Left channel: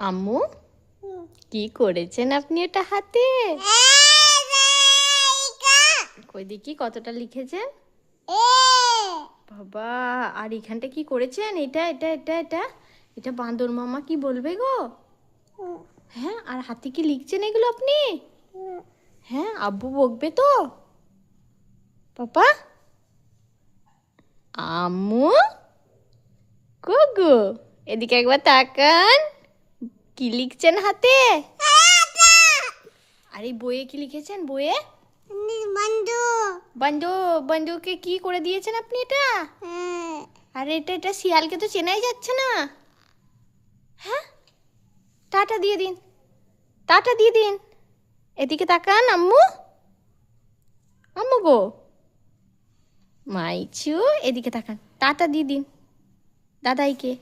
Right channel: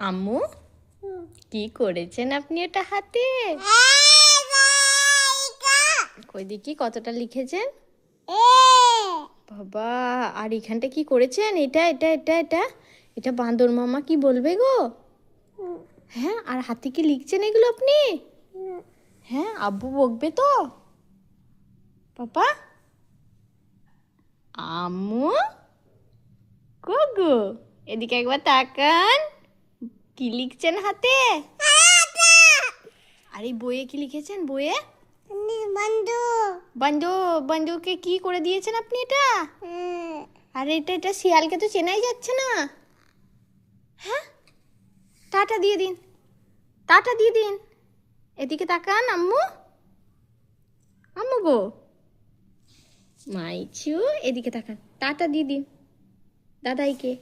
আম্মু কি করেছেন আপনি এটা হাতে? কই দেখি কতটা লিখেছেন। বাবা, আর এখানটা কি করেছেন? এটা এটা এটা এটা এটা বান্দর মামা কি বলবে গো? হ্যাঁ, আর হাতে কি লিখছেন এগুলো আপনি? হ্যাঁ, আব্বু বকবে তো? পাপা, আম্মু, গো এদিকে একবার তাকান। কি লিখছেন হাতে? আর এই বইয়ে কি লিখেছেন? বইয়ে বন্ধু বন্ধু বন্ধুকে কি করে দিয়েছেন আপনি এটা? আরে এটা এটা শিয়ালকে তো চেনাই যাচ্ছে না। হ্যাঁ, টাটা দিয়ে দিন, টাটা দিয়ে দিন। এদিকে তাকান আম্মু, আম্মু গো, মাইচু এদিকে তাকান, টাটা দিয়ে দিন দাদাইকে।